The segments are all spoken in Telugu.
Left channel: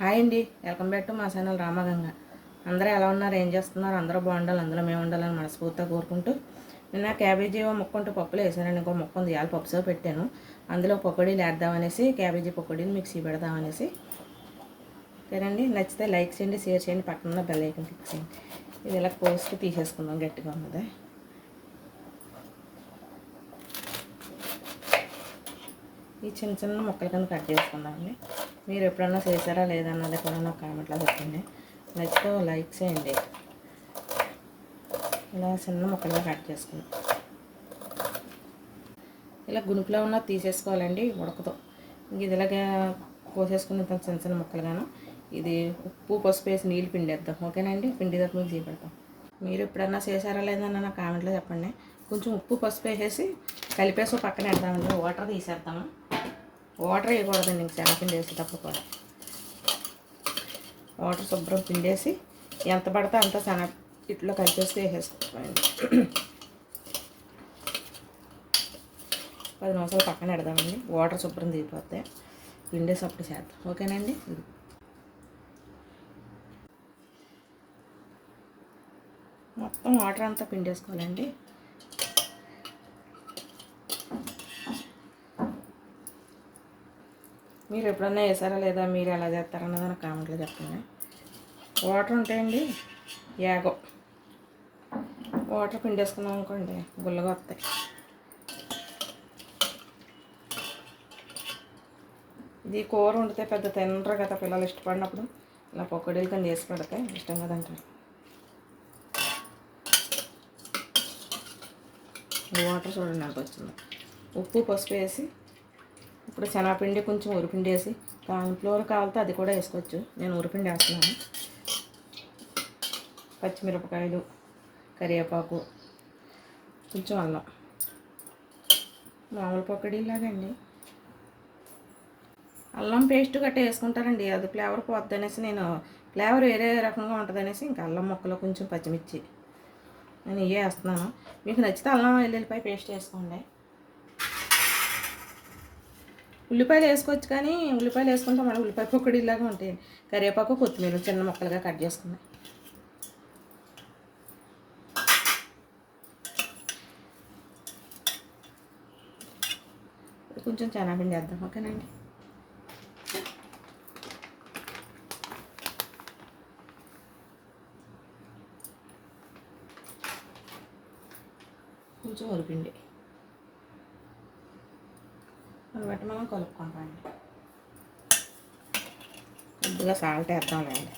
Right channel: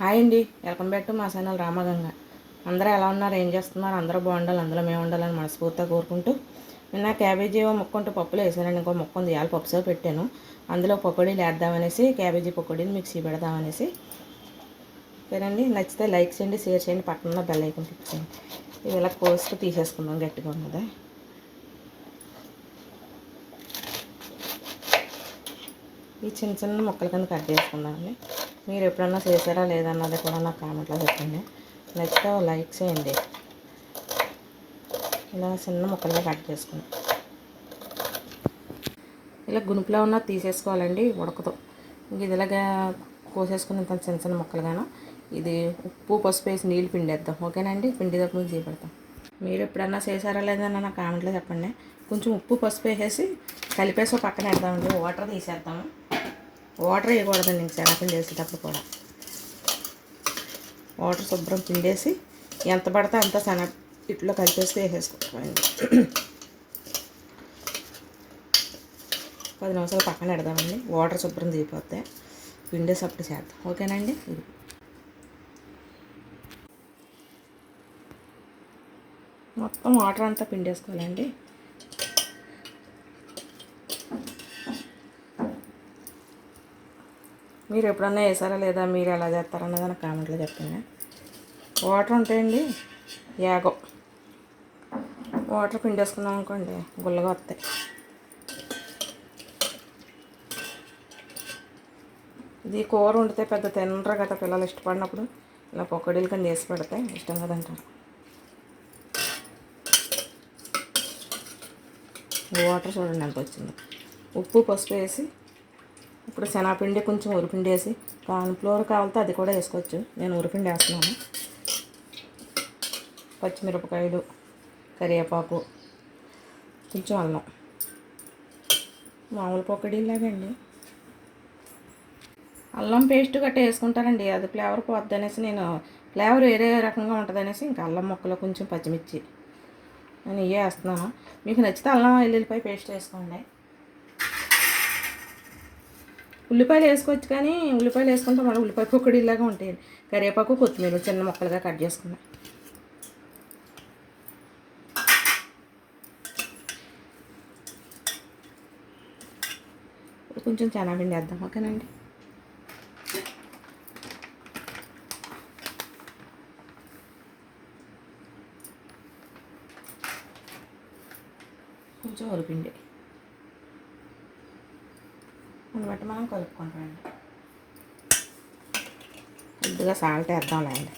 హాయ్ అండి. వెల్కమ్ బ్యాక్ టు మా ఛానల్ రామగంగ. అందరూ ఎలా ఉన్నారు? ఏం చేస్తున్నారు? అందరూ బాగుండాలి. అందులో మేము ఉండాలని మనస్ఫూర్తిగా కోరుకుంటూ. నిన్న క్యాబేజీ ముక్కుంటూ పప్పులు వేసానండి. ఇంకో ముక్క ఉంది. ఇవాళ పప్పుసో పెట్టాను. అందులో పకోడీలు వేద్దామనేసి క్యాబేజీ పకోడీలు మిక్సీ పెడదామనేసి. ఓకేనండి నచ్చితే లైక్ చేయండి షేర్ చేయండి. పక్కన బెల్ ఐకన్ క్లిక్ చేయండి. ఇది ఇలా కోసుకు తీసేసుకుందాం. గట్టిగా ఉన్నది. ఈ చిన్న చిన్న ముక్కల కింద కట్ చేసుకుందామండి మీరు ఎప్పుడన్నా చేశారా లేదన్నది కూడా నాకు కామెంట్లో చెప్పండి. నచ్చితే లైక్ చేయండి. ఇలా చిన్న ముక్కలుగా కట్ చేసుకుందాం. ఇలా గునుపులో ఉన్న తీసేసుకోవాలండి ఉడకతో ఇంక ఇది ఇలాగా కోసేసుకుని ఇంత చిన్న చిన్న ముక్కలుగాను ఇది ఉప్పు పసుపు వేసి నీళ్ళు పిండేద్దాం. ఓకేనండి? పిండి తప్ప మీకు చేపెడతాం. మీరు ఎప్పుడన్నా చేశారా లేదన్న నా కామెంట్లో చెప్పండి. కొంచెం ఉప్పు పసుపు వేసేసి కలిపేసి ఒక పక్కన వేద్దామండి. వాటర్ తీసేద్దాము. వాటర్ వేయకూడదండి ఇంక శనగపిండి వేసేటప్పుడు కూడా. వాటర్ శుభ్రం పిండేసి ఎంత పడితే అంత శనగ ఇట్లో కలిపేసి వేసేసుకోవాలండి పది నిమిషాలు పక్కన పెడదామండి. వాటర్ శుభ్రం తీరిపోతే పిండేసి అప్పుడు చేద్దాం. ఓకేనండి? మొత్తం వాటర్ అంతా పిండేసుకోవాలండి. మీరు ఎప్పుడన్నా వేసారా లేదా? మీరు ఎలా చేస్తారన్నది నాకు కామెంట్లో చెప్పండి. వాటర్ ఉంటాయండి? యాగో. వాటర్ పిండేసుకున్నాం అనుకోండి గుల్లగా వస్తాయి. ఇది కూర వండితే పెద్ద తినరు కదా పిల్లలు ఇష్టపడినప్పుడు. ఇలా పొక్కడీలు కింద వేసి పెడితే ఇష్టం కదంటారు వాటర్ చూడండి ఎంత వచ్చింది. ఉప్పు పసుపు వేసి ఇప్పుడు శనగపిండి కొంచెం ఉరిపిండి వేసి ఫ్లోర్ కావాలితే అది కూడా వేసుకోవచ్చు. నేను ఉరిపిండి వేస్తున్నాను. పచ్చిమిరపకాయలు కరివేపాకు కొంచెం అల్లం. మామూలు పొక్కడిలాగండి అల్లం పేస్ట్ గట్రా వేసుకుంటారండి అది ఫ్లేవర్ పోద్ది అనేసి నేను ఫ్లేవర్ వేరే రకంగా ఉంటుంది అనేసి ఇంకా అల్లం ముక్కలో కొంచెం పచ్చిమిర్చి. నేను ఇవే వేస్తున్నాను. మీకు నచ్చితే అల్లం వెల్లుల్లిపాయ పేస్ట్ వేసుకోండి. ఉల్లిపాయలు వేసుకోవచ్చు కానీ ఉల్లిపాయలు వేసుకుంటే మన ఉల్లిపాయ పొక్కడిలాగా ఉంటాయి. కరివేపాకు కొత్తిమీర చిన్న ముక్కలుగా కట్ చేసుకున్నాం కొంచెం చెనాపిండి వేద్దాం ఓకేనండి? కొంచెం ఉరిపిండి దాన్ని బట్టి మనం కలుపుకుంటామండి కొద్దిగా సాల్ట్ వేద్దాంలేండి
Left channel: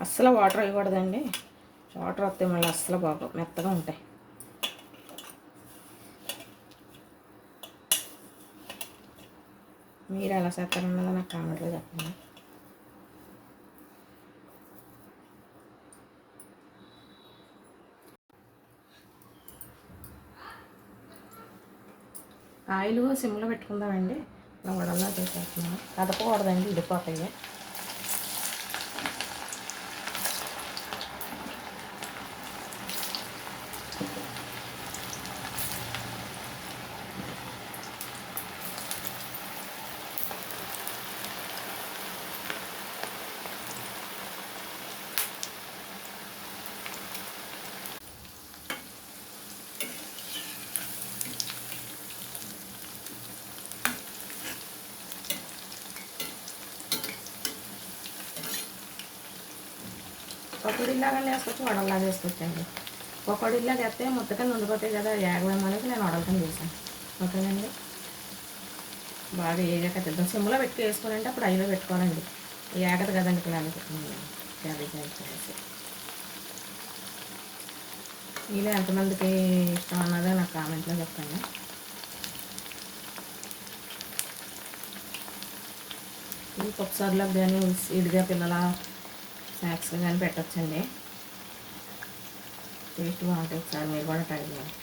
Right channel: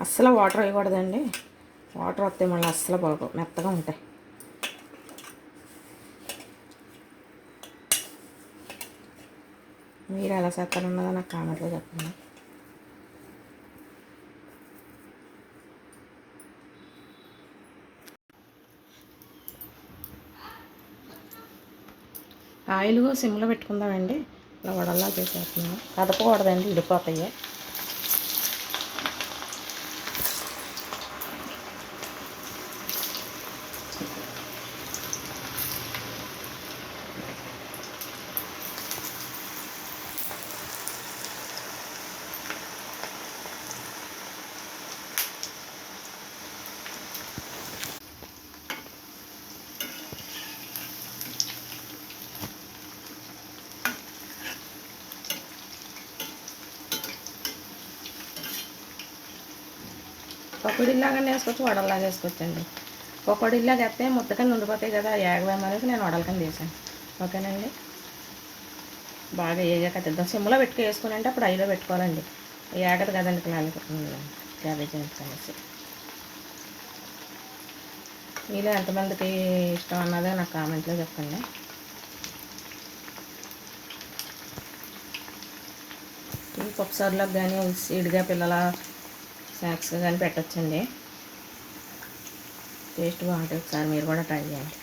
అస్సలు వాటర్ వేయకూడదండి. వాటర్ వస్తే మళ్ళీ అస్సలు బాగు మెత్తగా ఉంటాయి. మీరు ఎలా చేస్తారన్నదో నాకు కామెంట్లో చెప్పండి. ఆయిల్ సిమ్లో పెట్టుకుందామండి. ఇలా వడల్లా చేసేస్తున్నాం కదపకూడదండి ఇడిపోతాయి. పకోడీలాగానే వేసుకోవచ్చు వడల్లాగా వేసుకోవచ్చండి. పకోడీలాగా వేస్తే ముద్దగా ఉండిపోతాయి కదా ఏగవేమనేసి నేను వడలకని చేశాను ఓకేనండి? బాగా ఏగాక తిద్దాం సిమ్లో పెట్టుకు వేసుకుని అంటే అప్పుడు ఐలో పెట్టుకోవాలండి. ఏగదు కదండి పిల్లలకి క్యాబేజీ అనేసి మీలో ఎంతమందికి ఇష్టం అన్నదో నాకు కామెంట్లో చెప్పండి. ఈ పప్పుసార్లకు కానీ సీడ్గా పిల్లల స్నాక్స్ కానీ పెట్టచ్చండి. టేస్ట్ బాగుంటుంది ఒకసారి మీరు కూడా ట్రై చేయండి.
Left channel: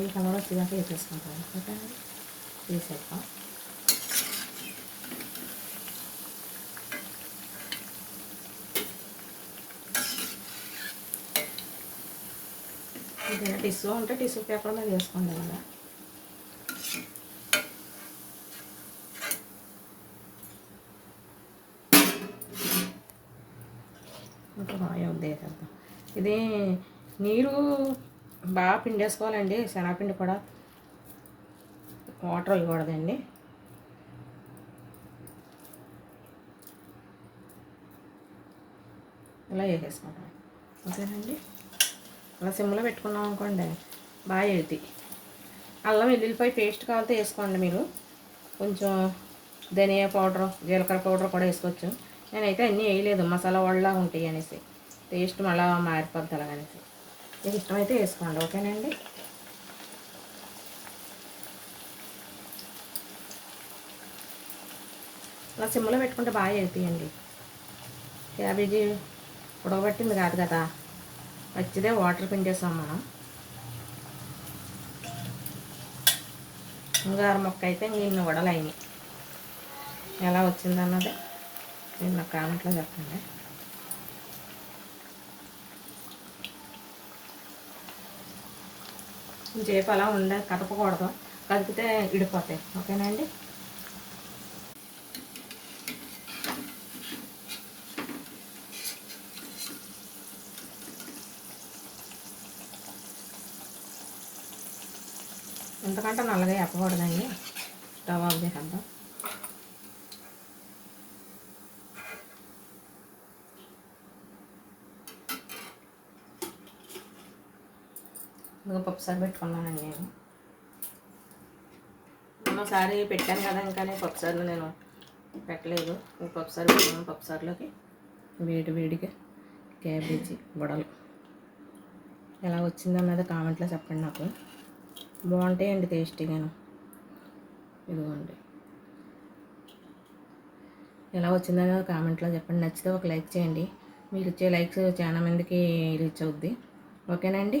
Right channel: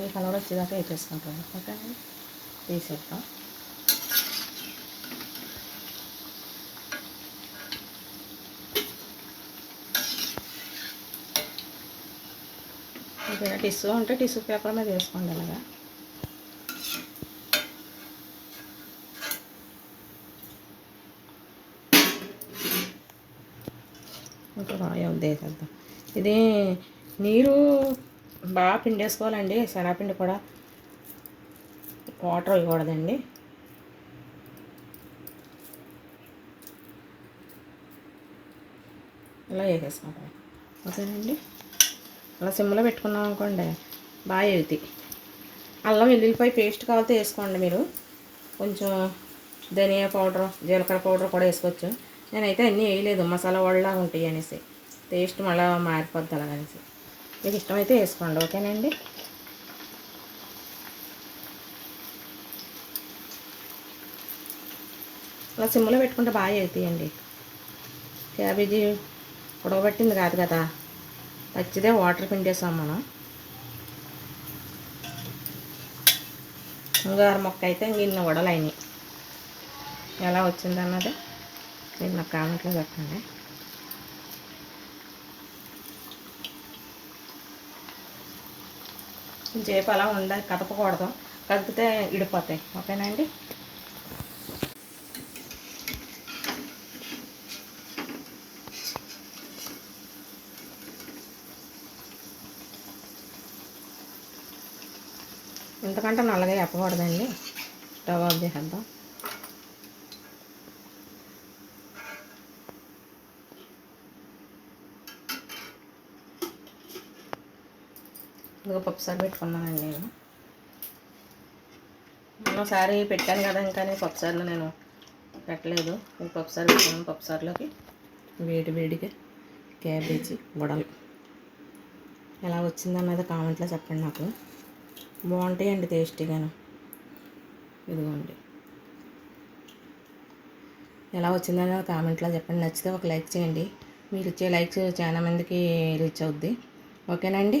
ఈ కలర్ వచ్చేదాకా వేసేసుకుంటాం ఓకే తీసేద్దాం. ఏదైనా టిష్యూ ఉంటే టిష్యూ పేపర్ మీద వేసుకోండి అలాగా. ఇంకా ఇది నీరు బాగా పిండేసుకోవాలండి శనగపిండి కూడా. వాటర్ ఇవ్వకూడదండి. ఇలా వేసేసుకుంటాం ఓకేనండి? అలా సిమ్లో పెట్టుకున్నాం అనుకోండి బాగా ఎగుతాయి. అల్లం వెల్లుల్లిపాయ పేస్ట్ కావాలితే వేసుకోండి మీరు. కొంచెం ధనియా పౌడర్ జీలకర్ర పౌడర్ కూడా వేసుకోవచ్చు. నేనైతే అన్నీ వేయలేదు మసాలా వాళ్ళ ఉంటాయి అనేసి. టేస్ట్ మళ్ళీ మారిపోద్ది అలాగనేసి మీకు ఇష్టమైతే వేసుకోండి ఓకేనండి? అలా సిమ్లో పెట్టుకుంటే బాగా అవుతాయండి క్యాబేజీ ఉడవబట్టింది కాదు కదా పచ్చిదే వాటర్ పిండేసాం మనం. ముంగార మొక్క అయితే ఇన్ని వడలైనాయి ఎలా వచ్చిందన్నది నేను నా కామెంట్లో చెప్పండి. చేప అలా ఉండ కదపకూడదు. కదిపితే ఇడిపోతాయి. ఓకేనా అండి? ఎందుకంటే నల్లగా చెప్పకూడదండి స్టవ్ ఆఫ్ చేసేద్దాం. ఇదిగో పప్పుసారి పెట్టుకున్నానండి నేను. ఒకసారి పెట్టాను కదా ఇంకా పప్పుసార్లు నేను పెట్టలేదు. పప్పుసారి పెట్టాను పప్పుసారులోకి వేడి వేడిగా క్యాబేజీ బుడలు ఎలా వచ్చిందన్నది కామెంట్లో చెప్పండి నాకు. బాగుంటాయండి టేస్టీగాను. ఇదిగోండి. ఎలా వచ్చిందనేది కామెంట్లో చెప్పండి. నచ్చితే ఒక లైక్ చేయండి. మీరు ఇచ్చే లైక్స్ చాలా మందికి రీచ్ అవుద్ది. ఓకేనండి